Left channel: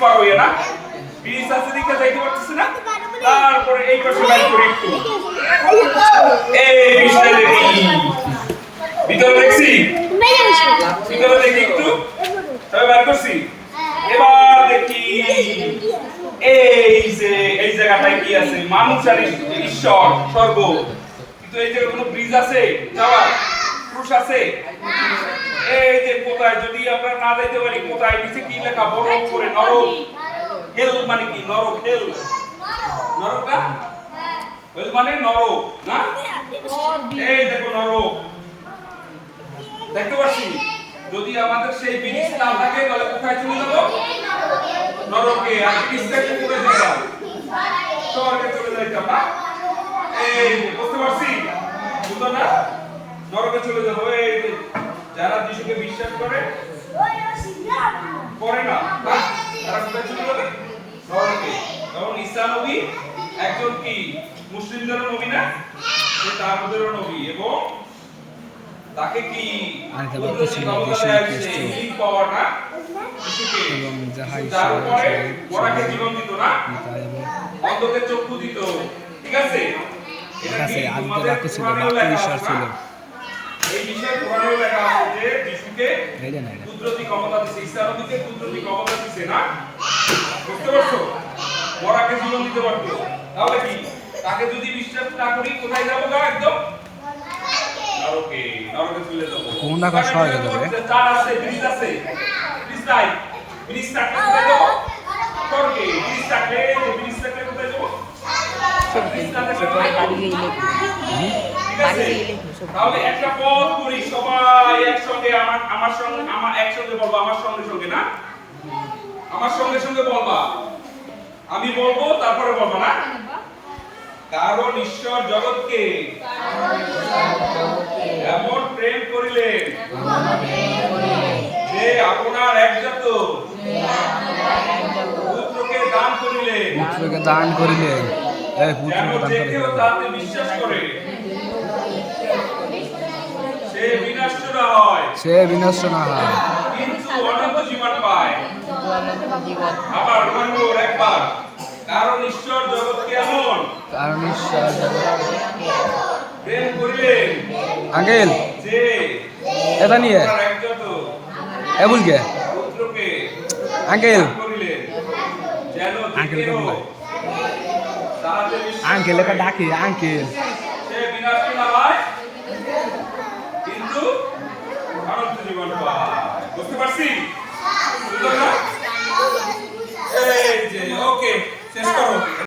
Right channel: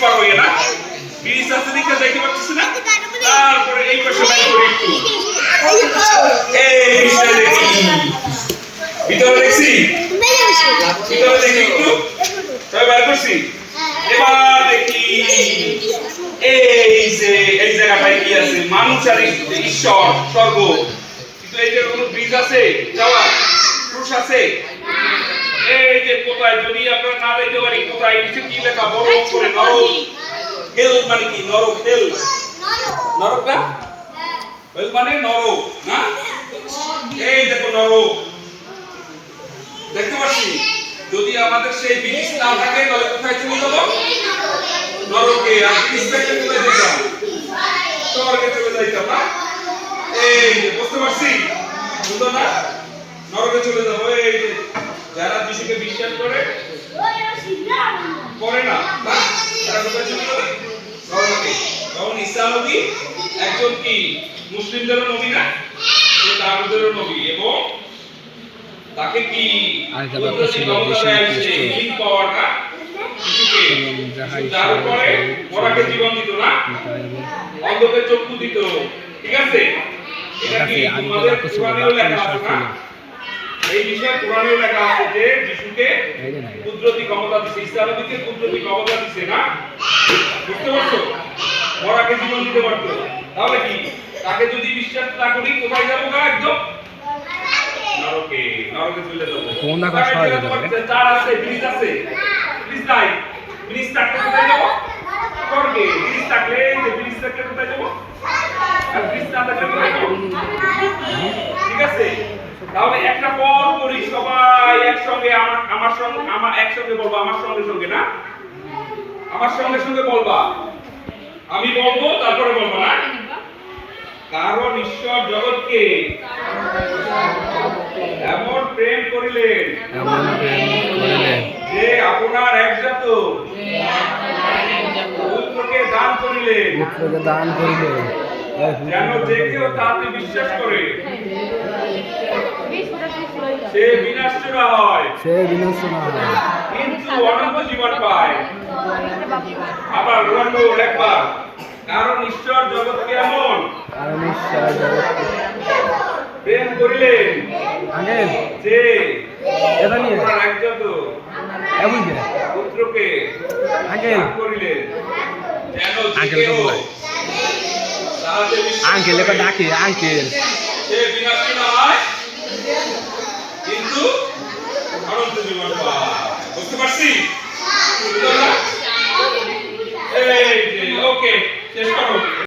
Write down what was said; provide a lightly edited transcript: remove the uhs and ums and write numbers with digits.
পার হয়ে না ব্রিজ আছে দিকে যাইতে পারছিস না তারপরে এই পাশে বাইক করে একটু এই বিষয় দেখি ভিতরে দেখছি ভিতরে দেখি একটু সবাই বার করছি এবার দেখি এই জায়গাটায় কি আছে মানুষ আর ঈশ্বর স্বর্গ কিন্তু এই যে কোনো ব্রিজ আছে যাওয়ার ক্রুশ আছে এই যে কোথায় যদি আমরা না যাইতে পারি কোথায় নিচে কি লেখা বড় করে নরক হেল মানে কি নরক হেল নরক না হেল মানে নরক না এই দেখো নরক দেখতে পাচ্ছি যদি আমাদের সেই ব্রিজ না থাকে তাহলে কোথায় চলে যাব নরকে আর ব্রিজটাকে চলে যেতাম স্বর্গে চলে যাইতাম না এই যে বুঝতে পারছি বুঝতো না নরকে চলে যাবো এই যে যারা যিশুকে বিশ্বাস করে না তারা কোথায় চলে যাবে নরকে তখন ঈসা নবী একজন কি মুসলিমদেরও নবী না সে তাদেরও নবী এবং তাকে কি পাওয়ার না যিশুকে তার উপরে মরাকে জীবন দিত না অন্ধকে চক্ষু দিত ঠিক আছে এটা কি আমাদের কোরআনেও লেখা আছে এই বিষয়ে কোরআনেও লেখা আছে যে যিশুকে কুদরতি ক্ষমতা দিয়েছে ঈসা নবীকে কুদরতি ক্ষমতা দিয়েছে না বুঝতে পারছো মরাকে জীবন দিতে পারতো তাহলে কি তাকে যদি বিশ্বাস না করি কোথায় যাব গা একদম নরকে নরকে চলে যাব কোন না কষ্ট হয় যাবে চার আছে ব্রিজ আছে ব্রিজ নাই ব্রিজ থাকলে কোথায় যাব স্বর্গে ব্রিজ থাকলে কোথায় যাব ব্রিজ না থাকলে কোথায় যাব ঠিক আছে তাহলে একটা পথ করি সবাই একসঙ্গে আমার একসঙ্গে বলবা আমার সঙ্গে না আমার সঙ্গে বলবা আমি বলবো তারপরে বলবা না কারণ ঈশ্বর জগৎকে এমন প্রেম করিলেন যে আপনার একজাত পুত্রকে দান করিলেন যেন যে কেউ তাতে বিশ্বাস করে সে বিনষ্ট না হয় কিন্তু অনন্ত জীবন পায় আবার একবার কারণ ঈশ্বর জগৎকে এমন প্রেম করিলেন আঙ্কেল যে এটা নিয়ে একজাত এবুলকে পুত্রকে আঙ্কেল করিলেন যেন আঙ্কেল তো বলাই আঙ্কেল একা ডাকে আঙ্কেল সে বিনষ্ট না হয় কিন্তু অনন্ত জীবন পায় বুঝতে পারছি এই যে ওকে শেষ করো